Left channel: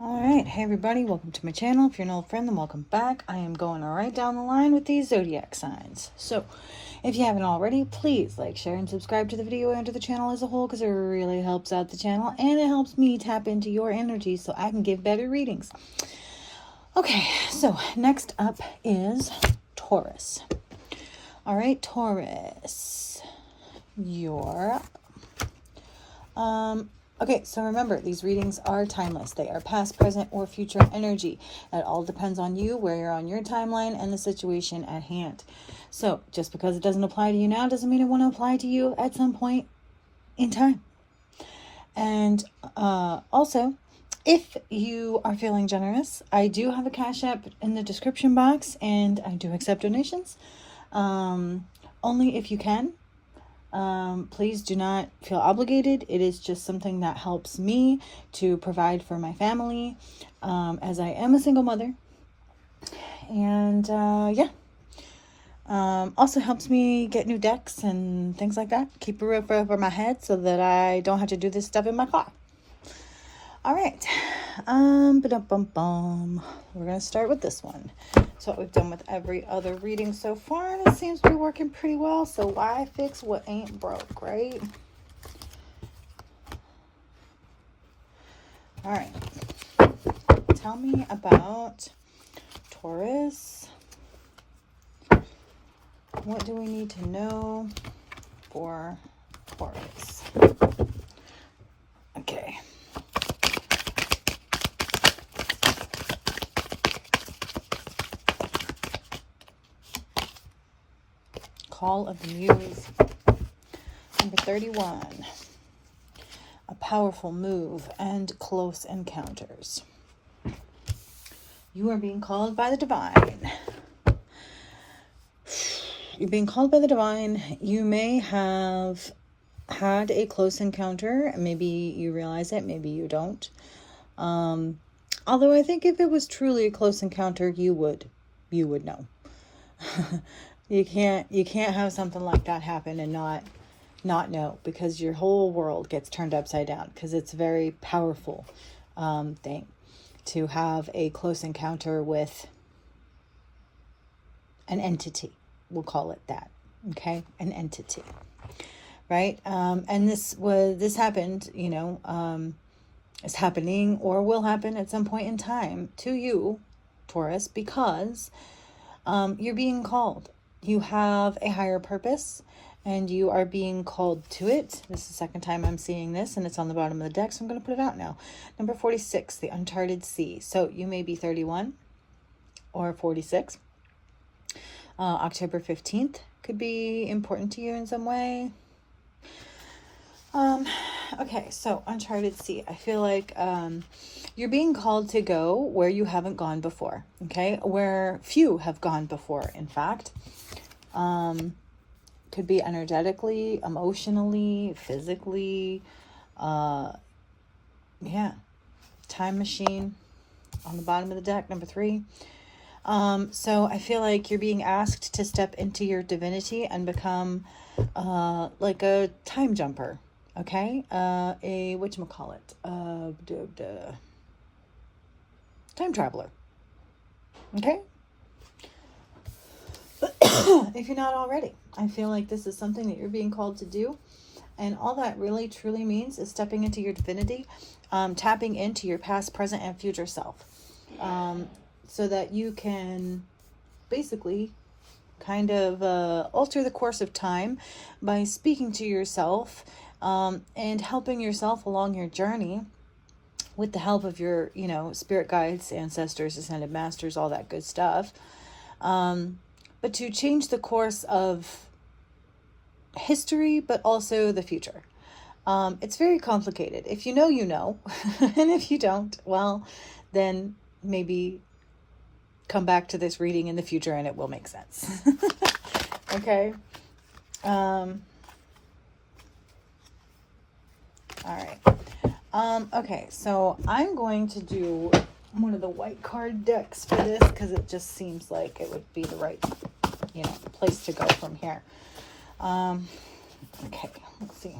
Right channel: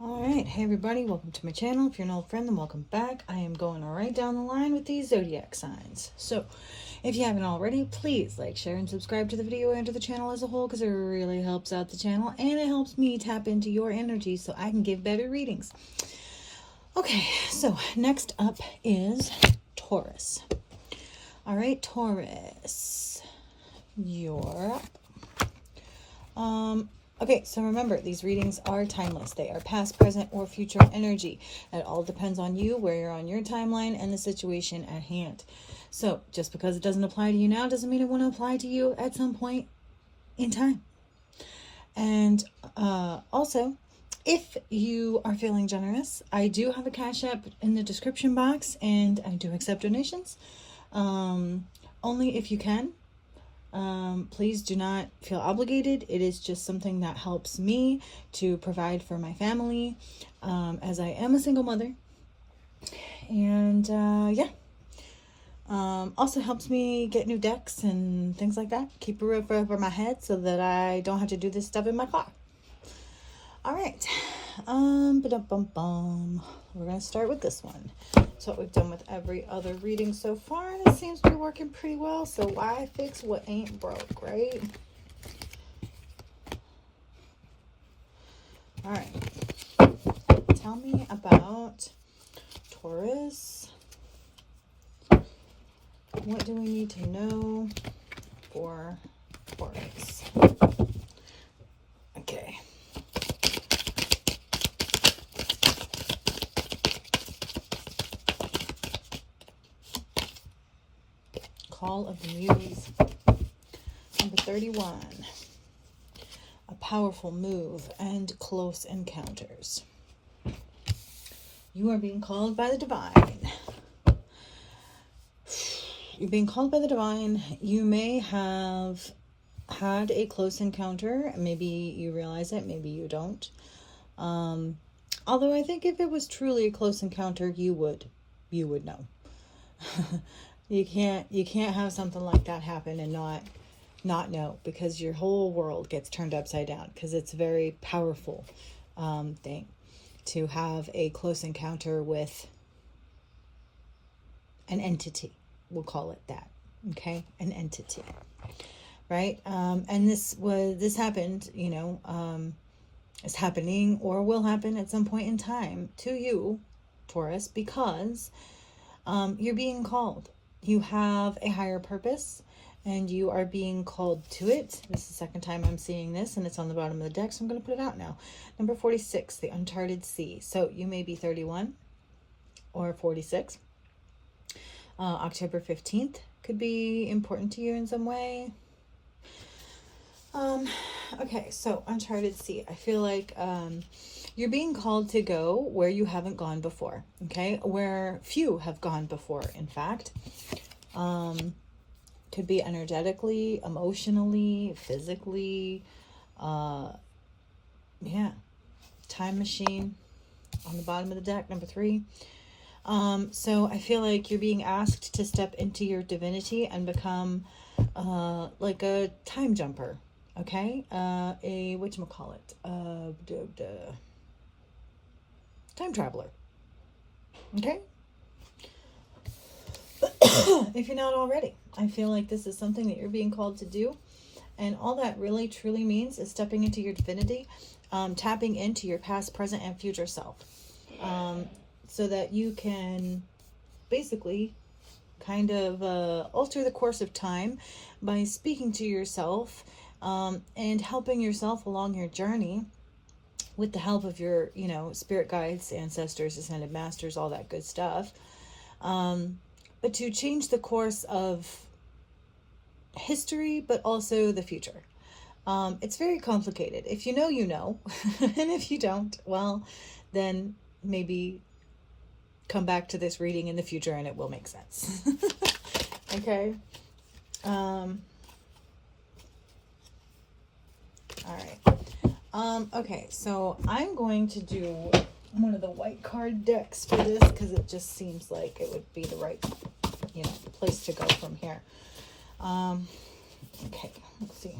Alright, hey everybody, welcome to my channel. If you're an old friend, then welcome back. I am going right down the line with these zodiac signs. So, if you haven't already, please like, share, and subscribe to the video and to the channel as a whole, because it really helps out the channel, and it helps me tap into your energy so I can give better readings. Okay, so next up is Taurus. Alright, Taurus. You're okay, so remember, these readings are timeless. They are past, present, or future energy. It all depends on you, where you're on your timeline, and the situation at hand. So just because it doesn't apply to you now doesn't mean it won't apply to you at some point in time. And also, if you are feeling generous, I do have a Cash App in the description box, and I do accept donations. Only if you can. Please do not feel obligated. It is just something that helps me to provide for my family, as I am a single mother. And yeah, also helps me get new decks and things like that. Keep a roof over my head so that I don't have to do this stuff in my car. All right, we're gonna start with this one. So what we've done with every other reading so far, and it seems to be working pretty well. So why fix what ain't broke, right? All right, tell me about Taurus. What do we need to know for Taurus? Okay. Call of the Muse. Number 31. A powerful move and close encounters. You are being called by the divine. You're being called by the divine. You may have had a close encounter. Maybe you realize it, maybe you don't. Although I think if it was truly a close encounter, you would know. You can't have something like that happen and not know, because your whole world gets turned upside down, because it's a very powerful thing to have a close encounter with an entity. We'll call it that. Okay, an entity, right? And this happened, is happening or will happen at some point in time to you, Taurus, because you're being called. You have a higher purpose, and you are being called to it. This is the second time I'm seeing this, and it's on the bottom of the deck, so I'm going to put it out now. Number 46, the uncharted sea. So you may be 31 or 46. October 15th could be important to you in some way. Okay, so uncharted sea. I feel like you're being called to go where you haven't gone before, okay? Where few have gone before, in fact. Could be energetically, emotionally, physically. Yeah. Time machine on the bottom of the deck, number 3. So I feel like you're being asked to step into your divinity and become like a time jumper. Okay, a whatchamacallit, time traveler. Okay, if you're not already, I feel like this is something that you're being called to do, and all that really truly means is stepping into your divinity, tapping into your past, present, and future self, so that you can basically kind of alter the course of time by speaking to yourself. And helping yourself along your journey with the help of your, spirit guides, ancestors, ascended masters, all that good stuff. But to change the course of history, but also the future. It's very complicated. If you know, you know. And if you don't, well, then maybe come back to this reading in the future and it will make sense. Okay. All right. Okay, so I'm going to do one of the white card decks for this, because it just seems like it would be the right, place to go from here. Okay, let's see.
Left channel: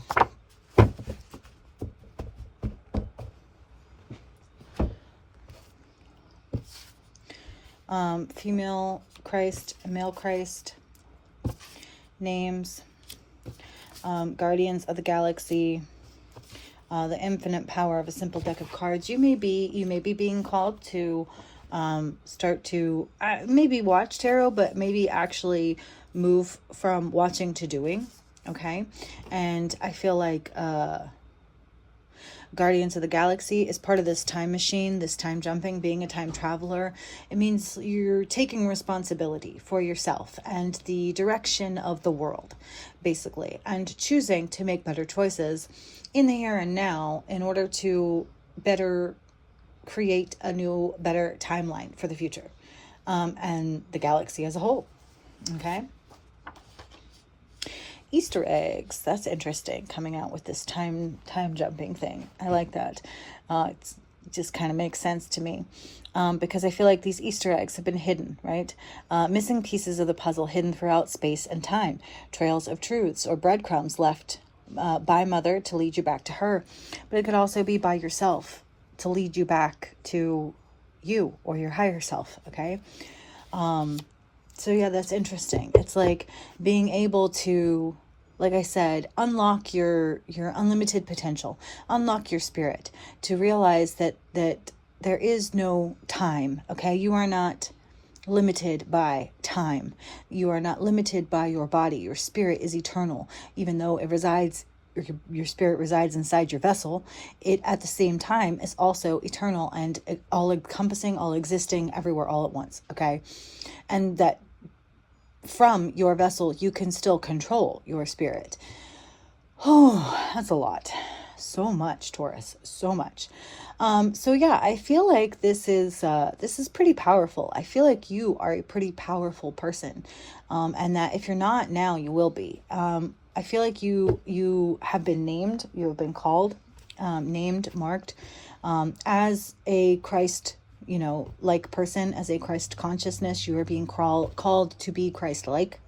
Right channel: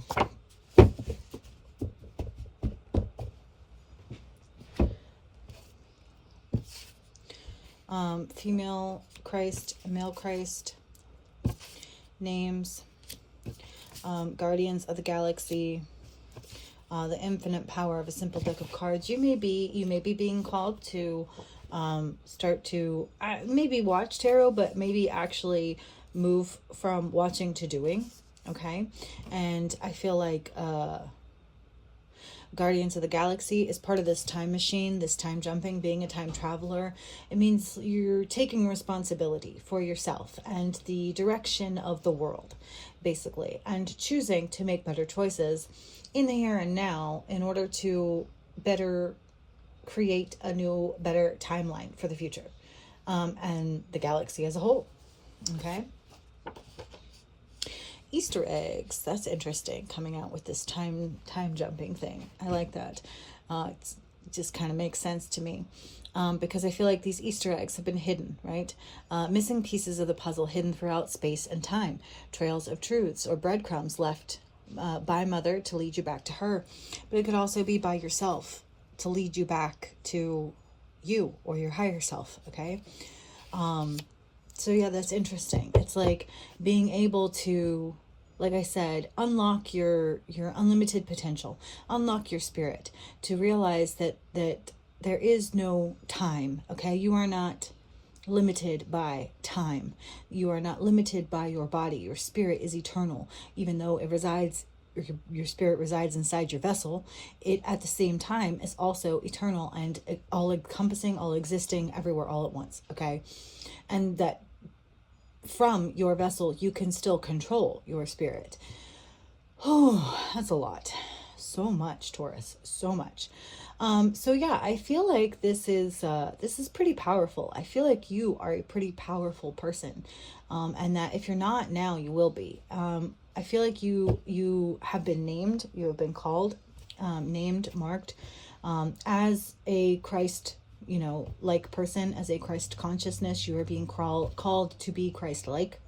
Female Christ, male Christ, names, guardians of the galaxy, the infinite power of a simple deck of cards. You may be being called to start to maybe watch tarot, but maybe actually move from watching to doing. Okay. And I feel like Guardians of the Galaxy is part of this time machine, this time jumping, being a time traveler. It means you're taking responsibility for yourself and the direction of the world, basically, and choosing to make better choices in the here and now in order to better create a new, better timeline for the future, and the galaxy as a whole. Okay. Easter eggs. That's interesting, coming out with this time jumping thing. I like that. It just kind of makes sense to me, because I feel like these Easter eggs have been hidden, right? Missing pieces of the puzzle hidden throughout space and time. Trails of truths or breadcrumbs left by Mother to lead you back to her. But it could also be by yourself to lead you back to you or your higher self, okay? So yeah, that's interesting. It's like being able to, like I said, unlock your unlimited potential, unlock your spirit, to realize that there is no time, okay? You are not limited by time. You are not limited by your body. Your spirit is eternal, even though it resides, your spirit resides inside your vessel. It at the same time is also eternal and all encompassing, all existing, everywhere, all at once, okay? And that from your vessel, you can still control your spirit. Oh, that's a lot. So much, Taurus. So much. So yeah, I feel like this is pretty powerful. I feel like you are a pretty powerful person. And that if you're not now, you will be. I feel like you have been named, you have been called, named, marked, as a Christ, like person, as a Christ consciousness. You are being called to be Christ-like.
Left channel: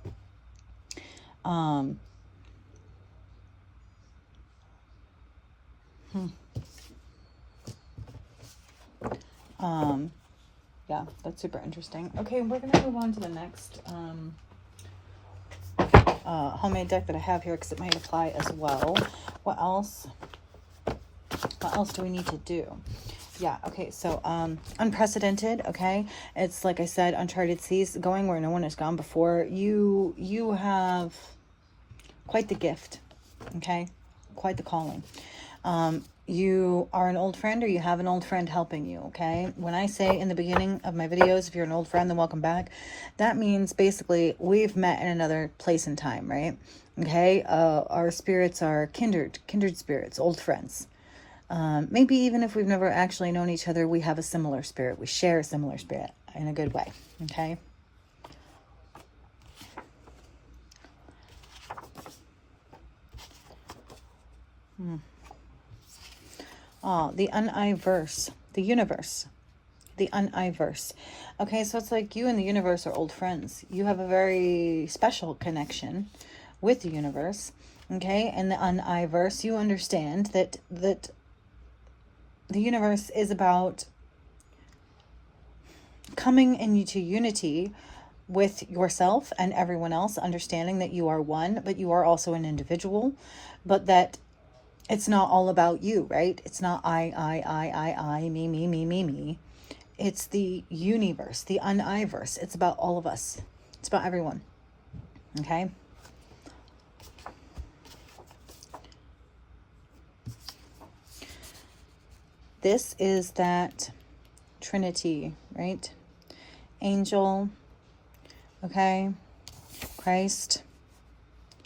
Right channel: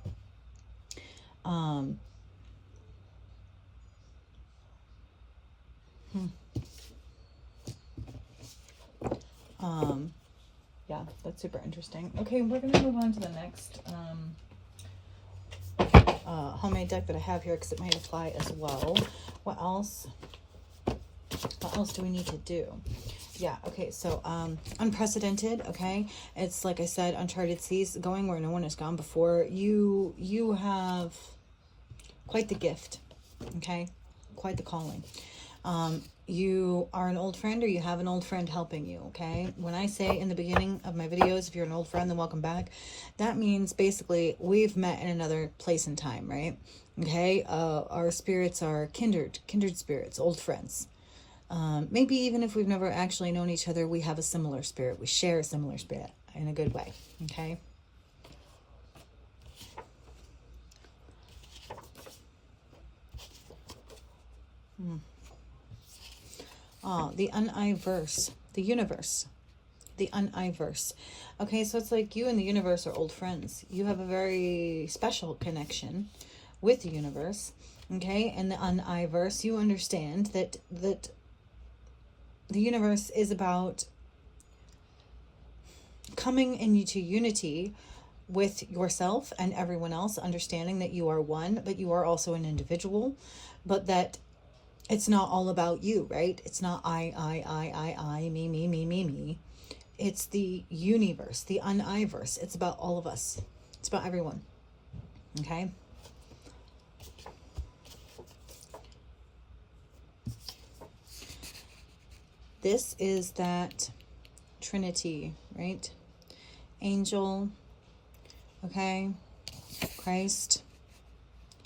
Yeah, that's super interesting. Okay, we're gonna move on to the next homemade deck that I have here, because it might apply as well. What else do we need to do? Yeah, okay, so unprecedented, okay? It's like I said, uncharted seas, going where no one has gone before. You have quite the gift, okay? Quite the calling. You are an old friend, or you have an old friend helping you, okay? When I say in the beginning of my videos, if you're an old friend, then welcome back. That means basically we've met in another place and time, right? Okay, our spirits are kindred spirits, old friends. Maybe even if we've never actually known each other, we have a similar spirit. We share a similar spirit in a good way, okay? Oh, the universe, the universe, the universe. Okay, so it's like you and the universe are old friends. You have a very special connection with the universe, okay? And the universe, you understand that the universe is about coming into unity with yourself and everyone else, understanding that you are one, but you are also an individual, but that it's not all about you, right? It's not I, me. It's the universe, the universe. It's about all of us. It's about everyone, okay? This is that Trinity, right? Angel, okay? Christ,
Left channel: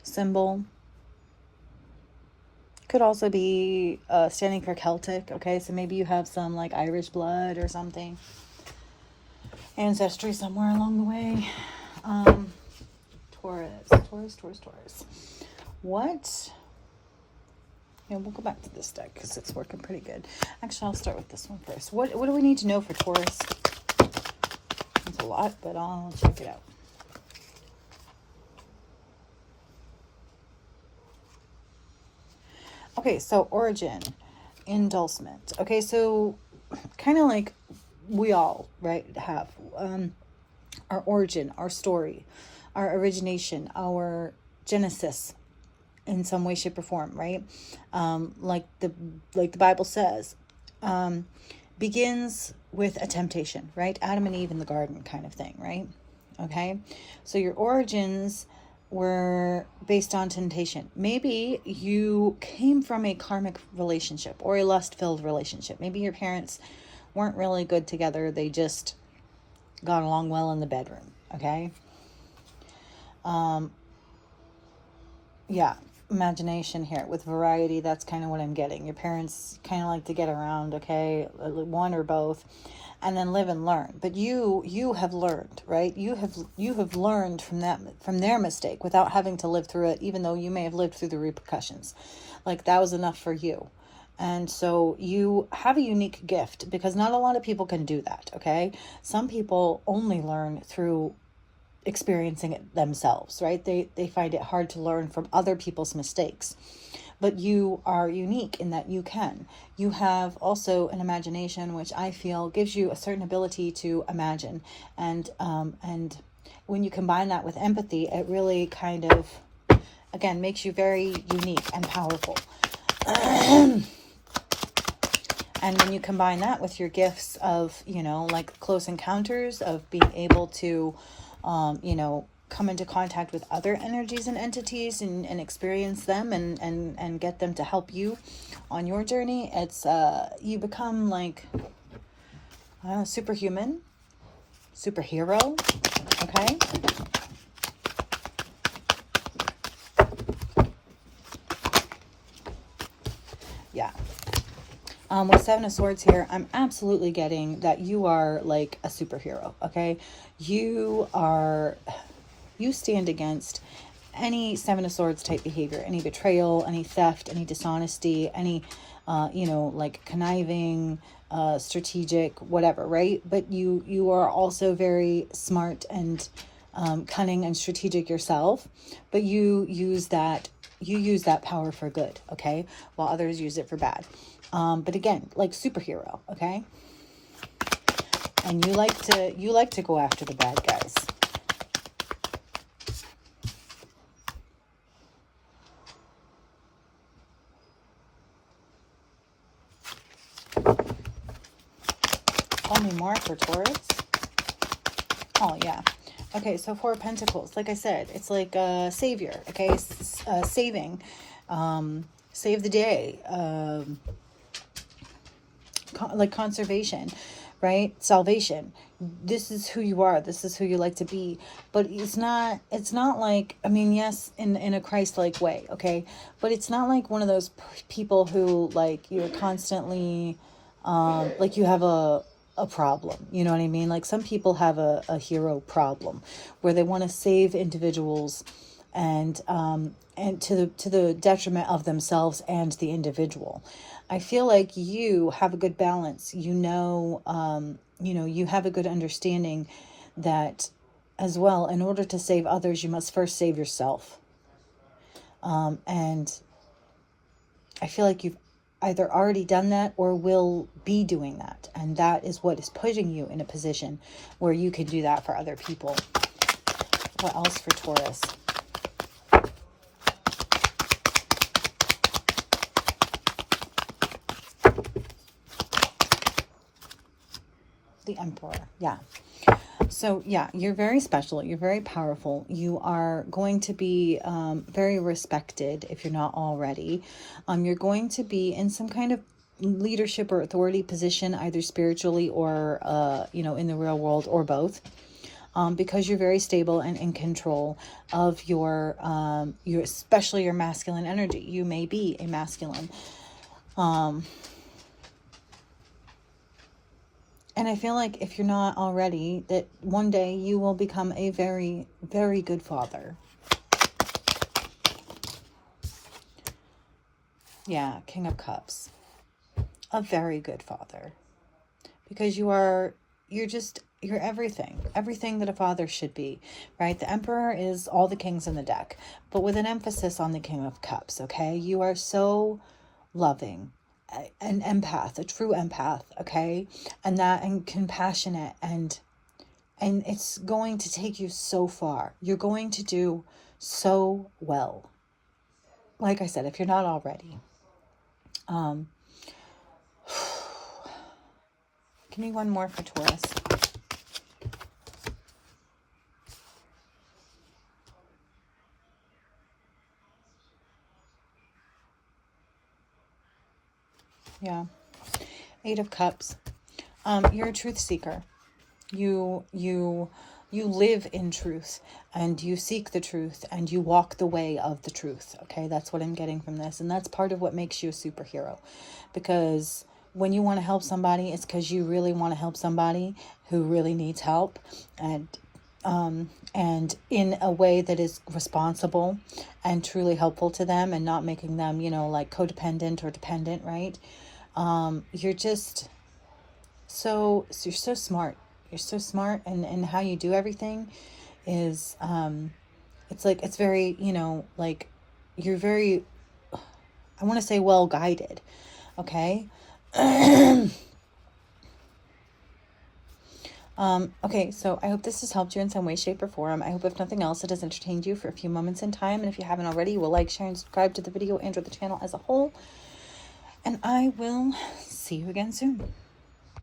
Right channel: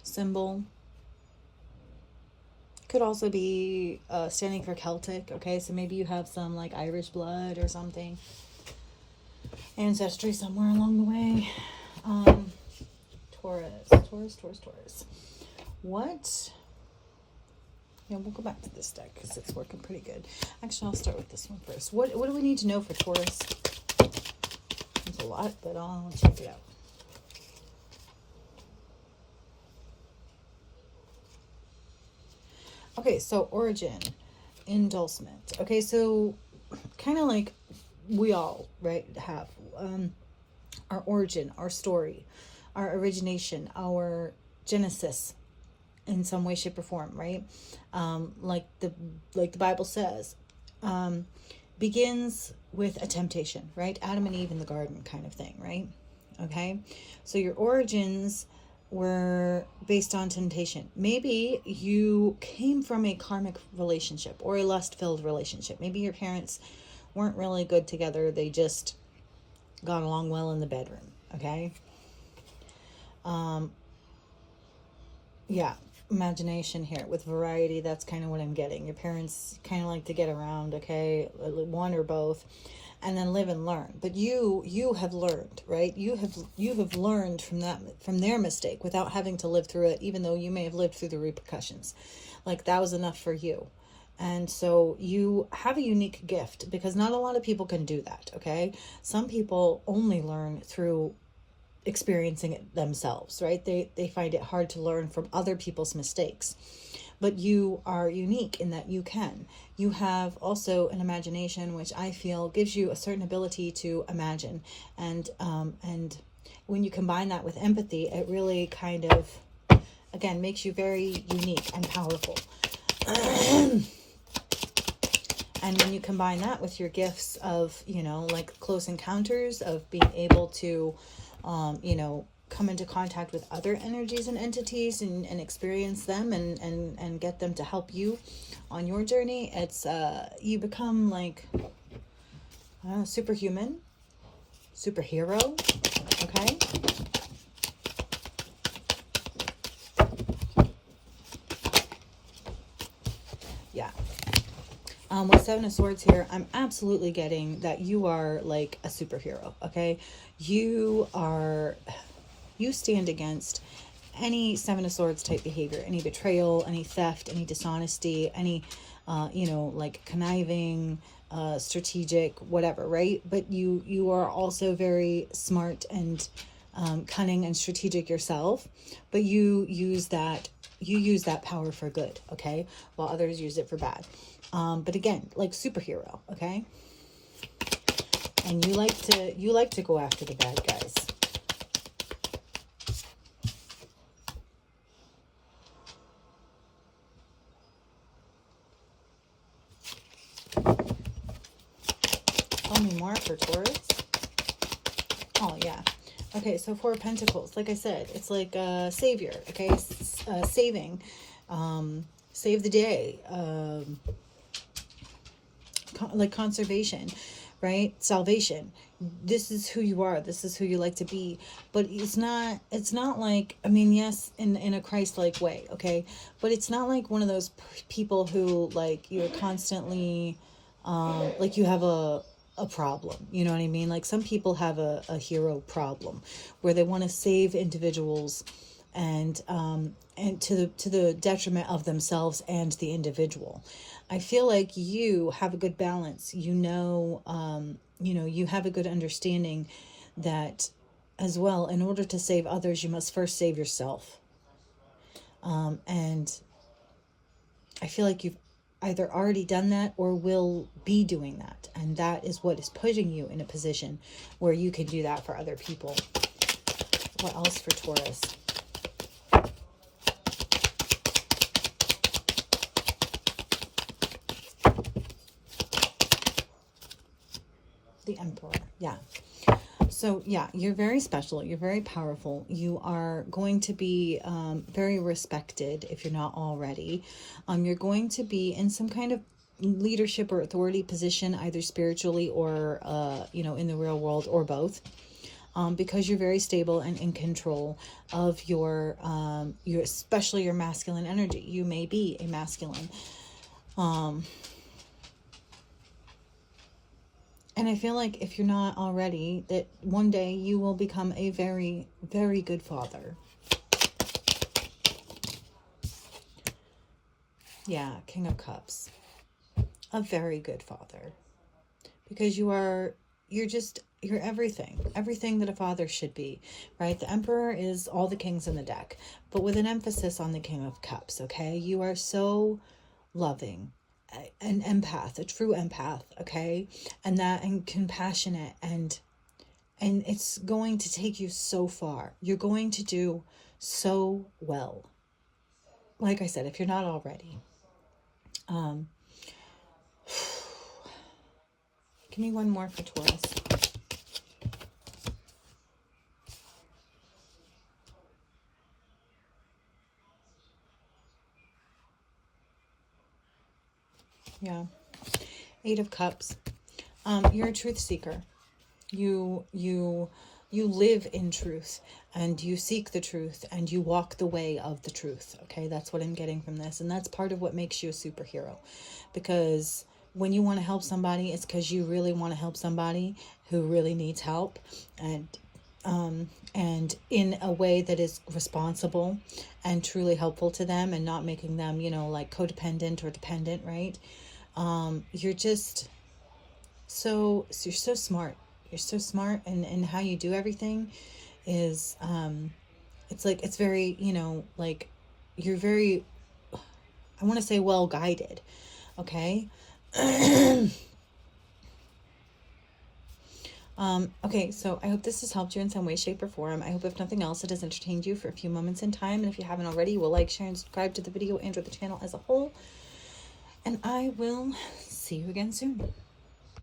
symbol. Could also be standing for Celtic, okay? So maybe you have some like Irish blood or something. Ancestry somewhere along the way. Taurus. What? Yeah, we'll go back to this deck because it's working pretty good. Actually, I'll start with this one first. What do we need to know for Taurus? It's a lot, but I'll check it out. Okay, so origin, indulgement. Okay, so kind of like we all, right, have. our origin, our story, our origination, our genesis in some way, shape, or form, right? Like the Bible says, begins with a temptation, right? Adam and Eve in the garden kind of thing, right? Okay, so your origins were based on temptation. Maybe you came from a karmic relationship or a lust-filled relationship. Maybe your parents weren't really good together. They just got along well in the bedroom, okay? Yeah, imagination here with variety. That's kind of what I'm getting. Your parents kind of like to get around, okay? One or both, and then live and learn. But you have learned, right? You have learned from their mistake without having to live through it, even though you may have lived through the repercussions. Like that was enough for you. And so you have a unique gift, because not a lot of people can do that, okay? Some people only learn through experiencing it themselves, right? They find it hard to learn from other people's mistakes. But you are unique in that you have also an imagination, which I feel gives you a certain ability to imagine. And when you combine that with empathy, it really kind of, again, makes you very unique and powerful. And when you combine that with your gifts of, like close encounters, of being able to, come into contact with other energies and entities and experience them and get them to help you on your journey, it's, you become like, superhuman, superhero, okay? Yeah. With Seven of Swords here, I'm absolutely getting that you are like a superhero, okay? You stand against any Seven of Swords type behavior, any betrayal, any theft, any dishonesty, any, like conniving, strategic, whatever, right? But you are also very smart and cunning and strategic yourself, but you use that power for good, okay? While others use it for bad. But again, like superhero, okay? And you like to go after the bad guys. Only more for Taurus. Oh yeah. Okay, so Four of Pentacles, like I said, it's like a savior, okay? Saving, save the day, like conservation, right? Salvation. This is who you are. This is who you like to be. But it's not like, I mean, yes, in a Christ-like way, okay? But it's not like one of those people who, like, you're constantly, like you have a problem, you know what I mean? Like some people have a hero problem where they want to save individuals and to the detriment of themselves and the individual. I feel like you have a good balance. You have a good understanding that as well, in order to save others, you must first save yourself. And I feel like you've either already done that or will be doing that. And that is what is putting you in a position where you can do that for other people. What else for Taurus? The Emperor, yeah. So, yeah, you're very special. You're very powerful. You are going to be very respected if you're not already. You're going to be in some kind of leadership or authority position, either spiritually or, in the real world, or both. Because you're very stable and in control of your especially your masculine energy. You may be a masculine. And I feel like if you're not already, that one day you will become a very, very good father. Yeah, King of Cups. A very good father. Because you're everything. Everything that a father should be, right? The Emperor is all the kings in the deck, but with an emphasis on the King of Cups, okay? You are so loving. An empath, a true empath, okay? And compassionate and And it's going to take you so far. You're going to do so well. Like I said, if you're not already. Give me one more for Taurus. Yeah. 8 of Cups. You're a truth seeker. You live in truth, and you seek the truth, and you walk the way of the truth. Okay, that's what I'm getting from this. And that's part of what makes you a superhero. Because when you want to help somebody, it's because you really want to help somebody who really needs help, and in a way that is responsible and truly helpful to them, and not making them, like codependent or dependent, right? You're just you're so smart. You're so smart, and how you do everything is, it's very, like, you're very, I want to say, well guided. Okay. Okay, so I hope this has helped you in some way, shape, or form. I hope, if nothing else, it has entertained you for a few moments in time. And if you haven't already, you will like, share, and subscribe to the video and or the channel as a whole. And I will see you again soon.